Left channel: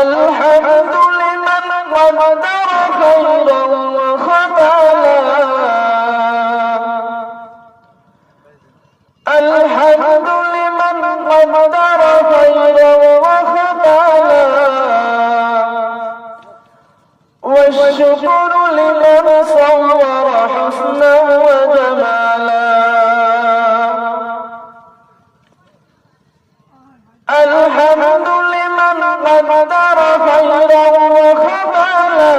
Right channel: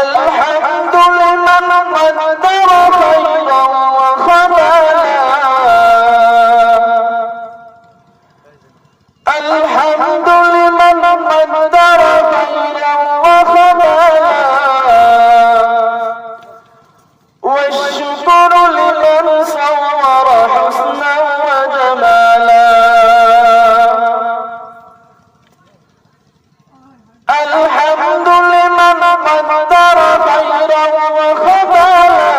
الحمد لمن قدر خيرا وخبلا الحمد لمن قدر خيرا وخبلا والشكر لمن صور حسنا وجمالا الحمد لمن قدر خيرا وخبلا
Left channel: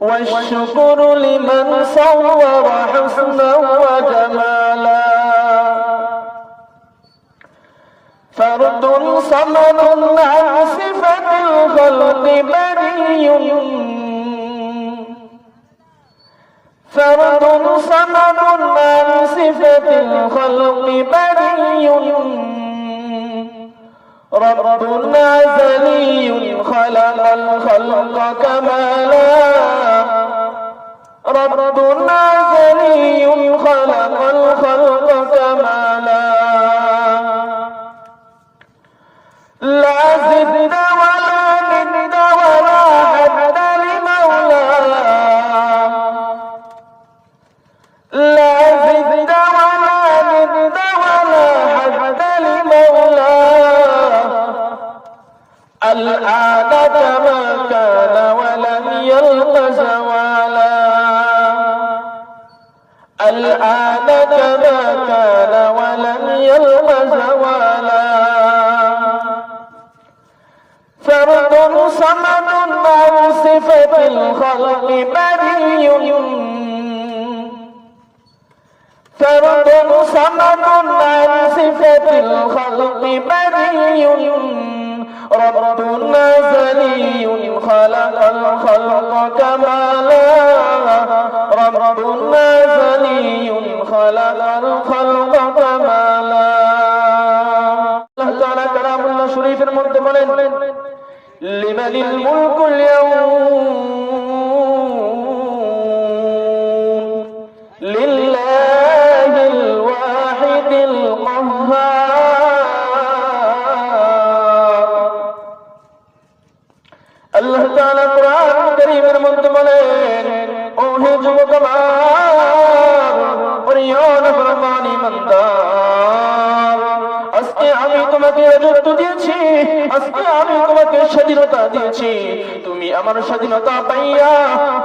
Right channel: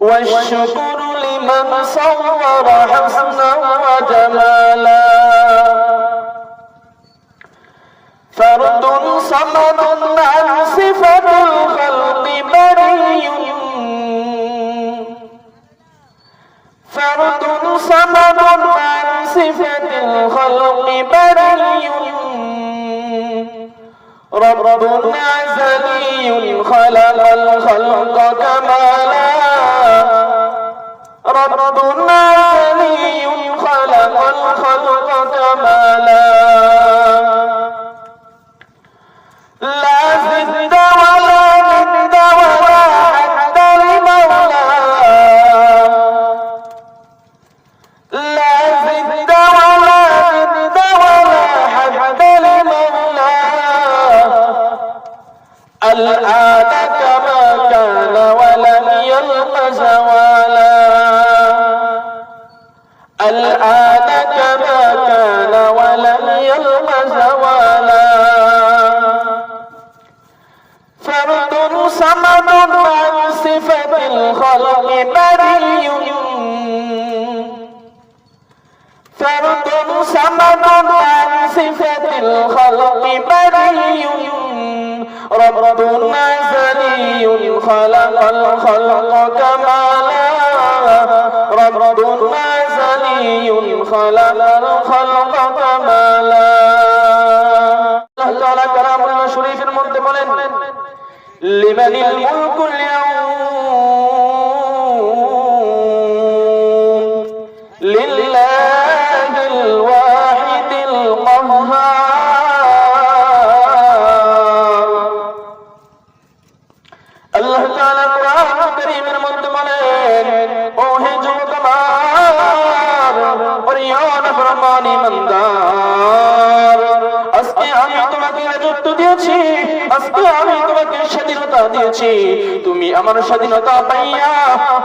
والشكر لمن صور حسنا وجمالا فرد صمد عن صفة الخلق بري فرد صمد عن صفة الخلق بري رب أزلي خلق الخلق كمالا رب أزلي خلق الخلق كمالا لا زد ولا ند ولا حد لمولاه لا زد ولا ند ولا حد لمولاه الآن كما كان ولم يلق زوالا الآن كما كان ولم يلق زوالا فرد صمد عن صفة الخلق بري فرد صمد عن صفة الخلق بري رب أزلي خلق الخلق كمالا رب أزلي خلق الخلق كمالا الله تعالى كلام الله شريف المنتقل لمن الملك اليوم لله الواحد القهار الله تعالى قرآن الكريم المنتقل ওহে যুবকবার প্রিয়ন ফরমানি মন্দার আজকে আমি তোমাকে রাজত্ব দিয়েছি আজকে আমি তোমাকে স্বাধীনতা দিয়েছি তুমি আমার স্বাধীনতা পাইয়া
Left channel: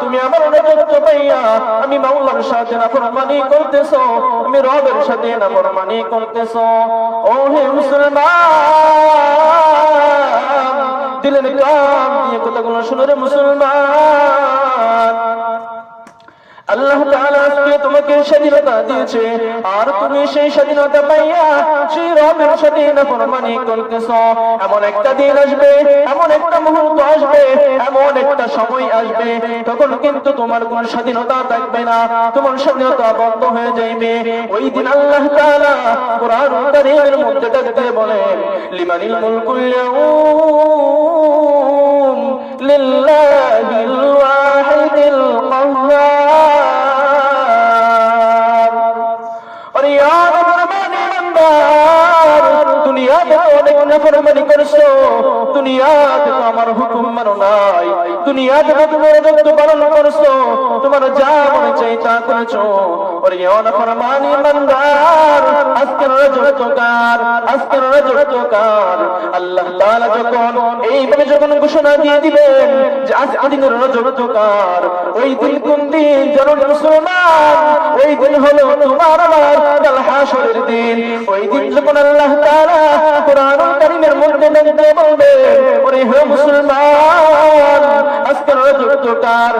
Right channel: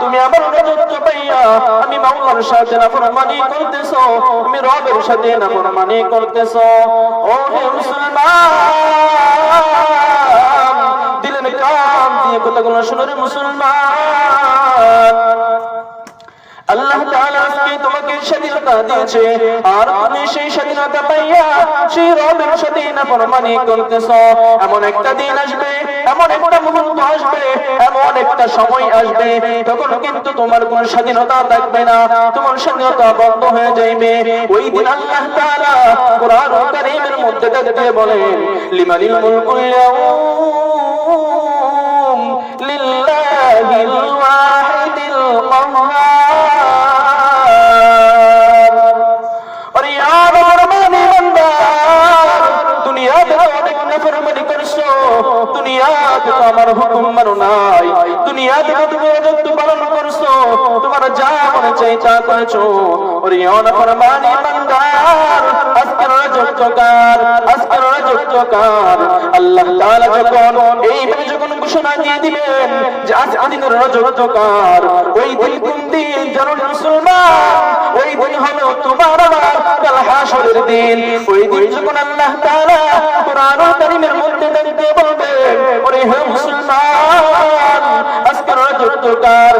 তুমি আমার রাজত্ব পাইয়া আমি মাওলার সাথে নাফরমানি করতেছো আমি রবের সাথে নাফরমানি করতেছো ওহে মুসলমান দিলের কান দিয়ে কথাগুলো শুনে রে মুসলমান আল্লাহ তাআলা আজকে তোমাকে স্বাধীনতা দিয়েছে আর তুমি সেই স্বাধীনতা পাইয়া সেই রবের সাথে নাফরমানি করতেছো এমন একটা দিন আসবে এমন একটা মুহূর্ত আসবে এমন একটা সময় আসবে তখন কিন্তু তোমার কোনো স্বাধীনতা থাকবে না তোমার স্বাধীনতা বন্ধ হয়ে যাবে ওই দিন আল্লাহ তাআলা কোরআন কারীমের মধ্যে ডাক দিয়ে বলেন লিমানিল মুলকুল ইয়াউম লিল্লাহিল ওয়াহিদিল কাহ্হার নাফরমানি করছো দুনিয়াতে আমার হুকুম মানো নাই দুনিয়াতে তুমি রাজত্ব পালন করছো তোমার যা মনে চাই তা করেছো ওরে নাফরমানি বান্দার আজকের রাজত্বকার আল্লাহ তাআলা যখন এইভাবে যখন ঘোষণা দিয়ে দিবেন যে আজ দিনের রাজত্বকার ওই দিন কোন দিন জানো মুসলমান ওই দিন হলো তোমার আমার হাসরের দিন ওই দিন যখন আল্লাহ তাআলা কোরআন কারীমের মধ্যে দেখতে বলবেন ওরে হে মুসলমান আজকের রাজত্বকার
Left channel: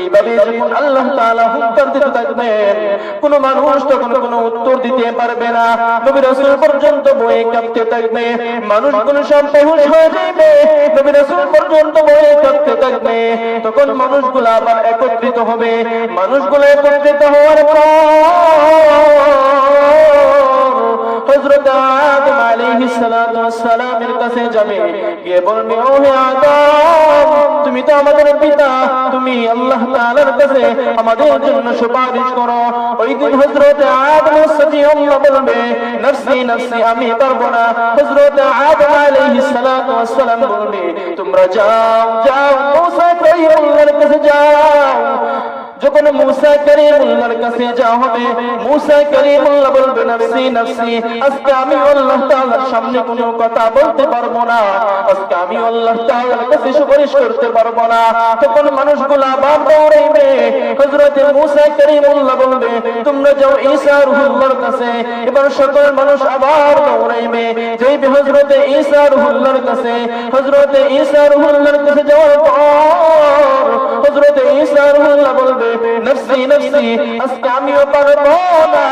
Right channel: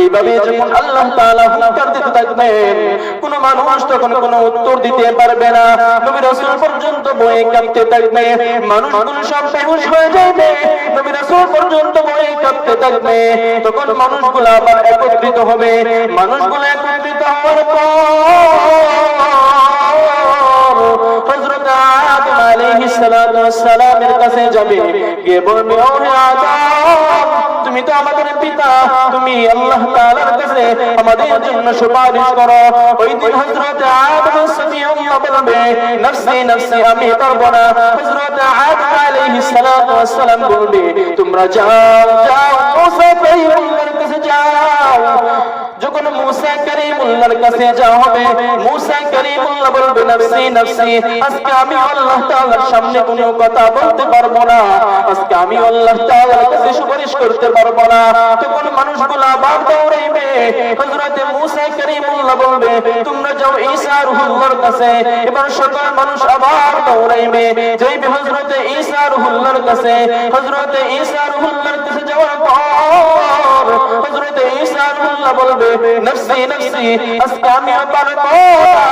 এইভাবে যখন আল্লাহ তাআলা হুকুম দিতে থাকবেন কোন মানুষ তখন কোনো উত্তর দিতে পারবে না নবী রাসূল পর্যন্ত ভয়ে কাঁপতে থাকবে মানুষগুলো সব বেহুশ হয়ে যাবে নবী রাসূল পর্যন্ত ভয়ে কাঁপতে থাকবে তখন মানুষগুলো আবার একত্রিত হবে মানুষগুলো একত্রিত হওয়ার পর হযরত আদম আলাইহিস সালাতু ওয়াস সালামের কাছে যাবে, গিয়ে বলবে ও হে আদম, তুমি তো আমাদের পিতা, তুমি আল্লাহ তাআলার কাছে আমাদের জন্য সুপারিশ করো। ওই দিন হযরত আদম সফিউল্লাহ বলবে নফসি নফসি, আমি পারবো না। হযরত আদম আলাইহিস সালাতু ওয়াস সালাম বলবে তোমরা যাও যাও, মুসা কারীমুল্লাহর কাছে যাও। যখন মুসা কারীমুল্লাহর কাছে যাওয়া হবে, মুসা কারীমুল্লাহ বলবে নফসি নফসি, আজকে আমি আল্লাহ তাআলার সামনে কোনো কথা বলতে পারবো না, আজকে আমি আল্লাহ তাআলার কাছে সুপারিশ করতে পারবো না। তখন মানুষগুলো আবার দৌড়াইবে। হযরত মুসা কারীমুল্লাহ বলবে তোমরা যাও ঈসা রূহুল্লাহর কাছে। এবার সকল মানুষ আবার দৌড়াইবে, যাইবে হযরত ঈসা রূহুল্লাহর কাছে। হযরত ঈসা রূহুল্লাহর কাছে যাওয়ার পর হযরত ঈসা রূহুল্লাহ বলবে নফসি নফসি, আজকে আমিও পারবো না,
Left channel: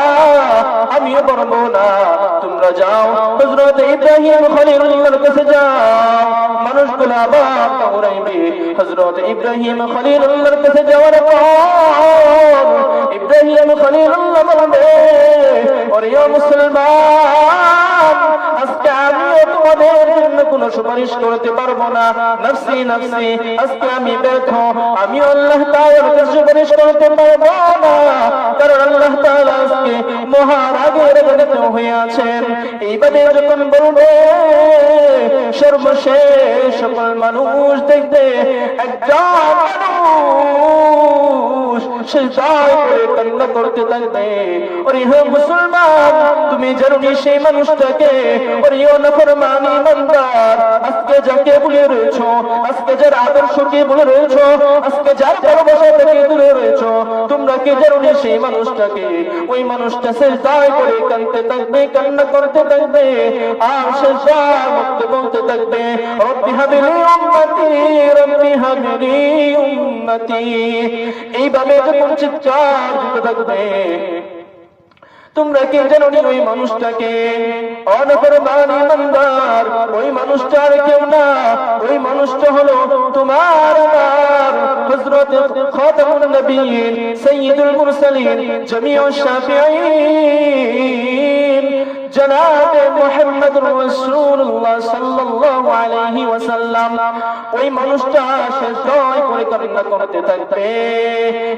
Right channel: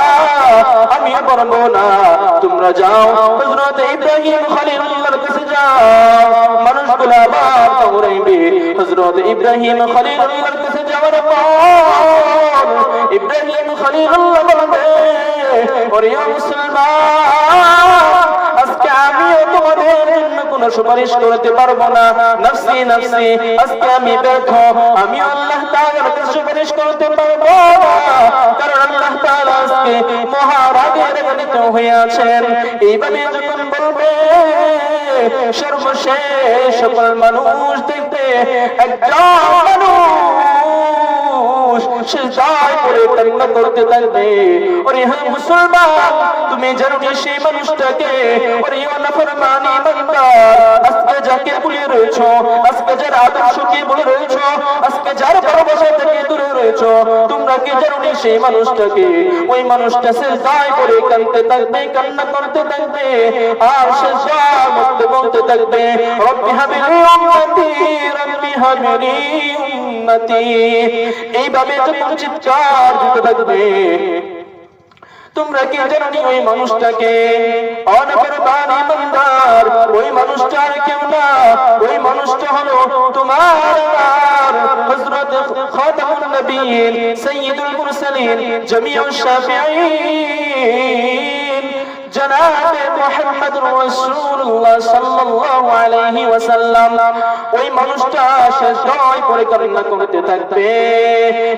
আমিও পারবো না, তোমরা যাও হযরত ইব্রাহিম খলিলুল্লাহর কাছে যাও। মানুষগুলো আবার দৌড়াইবে। হযরত ইব্রাহিম খলিলুল্লাহর কাছে যাওয়ার পর ইব্রাহিম খলিলুল্লাহ বলবে ওরে মুসলমান, আজকে আমিও তোমাদের জন্য কোনো সুপারিশ করতে পারবো না, নফসি নফসি, আজকে আমি ব্যর্থ, আমি আল্লাহ তাআলার কাছে সুপারিশ করতে পারবো না, কারণ আল্লাহ তাআলা আজকে মহারাগের গণিত হয়ে আছেন। এইভাবে যখন বলবে সর্বশেষ সকল মানুষ দেখবে একজন মানুষ সিজদায় পড়ে কান্না করতে থাকবে। ওরে হে মুসলমান, তুমি জানো না সেই মানুষটাকে? ওরে ও নাফরমানি বান্দা, আজকে যাকে ভুলে রয়েছো, আজকে যার আদর্শকে ভুলে রয়েছো, আজকে যার ভালোবাসা থেকে দূরে রয়েছো, তোমরা কি জানো না সেই মানুষটাকে? ওই মানুষটা সিজদায় পড়ে কাঁদতে থাকবে, কান্না করতে থাকবে, আর সিজদায় বলতে থাকবে রব্বি হাবিলি উম্মতি, রব্বি হাবিলি উম্মতি। এইভাবে যখন চিৎকার দিতে থাকবে, তোমরা কি জানো না ওই মানুষটাকে? অনফরমানি বান্দার ওই মানুষটার কেউ না, ওই মানুষটা হলো তোমার আমার হযরত খাতামুন নবিয়্যিন সাইয়্যিদুল মুরসালিন জামিউশ শাফিঈন জনাবে মুহাম্মদুর রাসূলুল্লাহ সাল্লাল্লাহু আলাইহি ওয়াসাল্লাম। ওই মানুষটা সিজদায় পড়ে কান্না করতে থাকবে।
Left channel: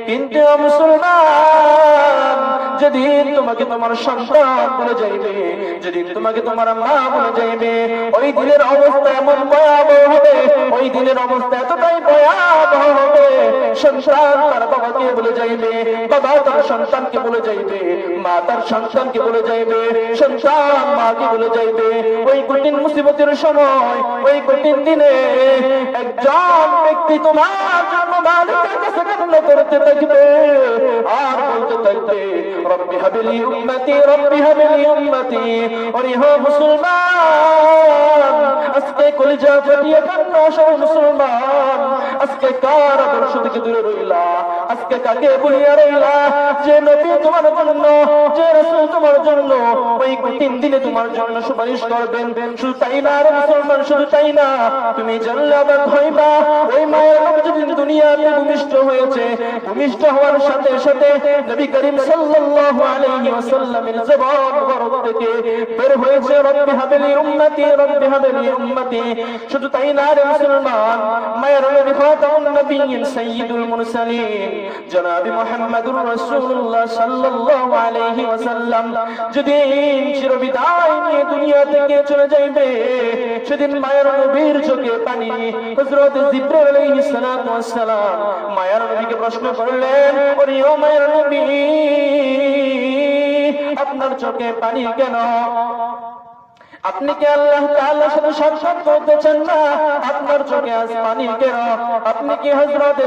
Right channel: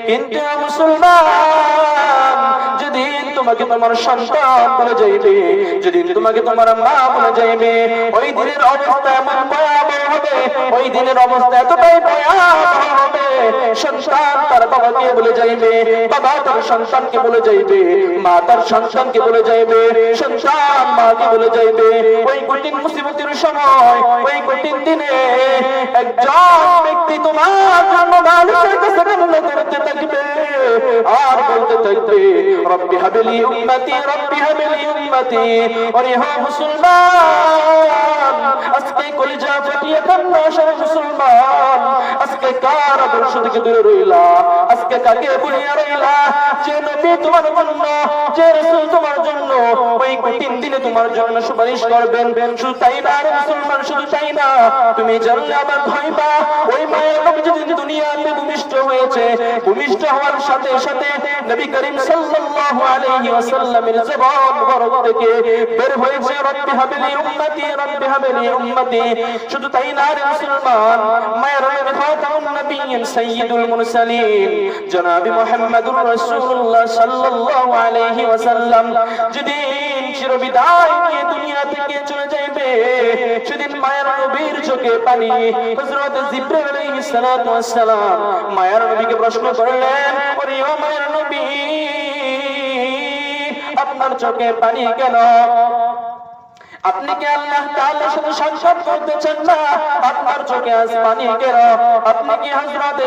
কিন্তু মুসলমান, যেদিন তোমাকে তোমার সন্তান বলে যাইবে, যেদিন তোমাকে তোমার মা বলে যাইবে, ওই দিনের অবস্থা এমন ভয়াবহ হবে, ওই দিনের অবস্থা এতটাই ভয়াবহ হবে, সন্তান তার বাবাকে বলে যাইবে, বাবা তার সন্তানকে বলে যাইবে, মা তার সন্তানকে বলে যাইবে, সন্তান মাকে বলে যাইবে। ওই কঠিন মুসিবতের সময়, ওই কঠিন দিনে একজন ব্যক্তি তোমার জন্য মালিকের কাছে কান্না করতে থাকবে আর বলতে থাকবে রব্বি হাবিলি উম্মতি, রব্বি হাবিলি উম্মতি। ওরে হো মুসলমান, আজকে কলিজা ফাটিয়ে কান্না সব মুসলমান, আজকে কার আদর্শ থেকে দূরে রইলা, আজকে কাকে ভুলিয়া রইলা? যে নবী তোমার জন্য, যে রাসূল তোমার জন্য ওই কঠিন দিনে তোমার জন্য সুপারিশ করবেন। শুধু তাই না রে মুসলমান, শুধু তাই না, তুমি জানলে আবার হইবা ওই মায়ের নবী যেদিন দুনিয়াতে ভূমিষ্ঠ হয়েছে, ভূমিষ্ঠ হওয়ার সাথে সাথে নবী করিম সাল্লাল্লাহু আলাইহি ওয়াসাল্লামের জবান মুবারক থেকে বের হয়েছে রব্বি হাবিলি উম্মতি, রব্বি হাবিলি উম্মতি। শুধু তাই না রে মুসলমান, মায়ের নবী খাতামুন নবিয়্যিন সাইয়্যিদুল মুরসালিন জনাবে মুহাম্মদুর রাসূলুল্লাহ সাল্লাল্লাহু আলাইহি ওয়াসাল্লাম যেদিন চিরবিদায় নিয়ে দুনিয়া থেকে চলে যাইবে, সেদিন মায়ের নবীর চোখে পানি। হযরত জিবরাইল আলাইহিস সালাতু ওয়াস সালাম মায়ের নবীকে প্রশ্ন করলেন, ওরে ও মায়ের নবী, আপনার চোখে পানি কেন? আপনি কি আল্লাহ তাআলার সাথে সাক্ষাৎ করতে চান না? আপনার চোখে আজ পানি কেন? আপনি কি হযরত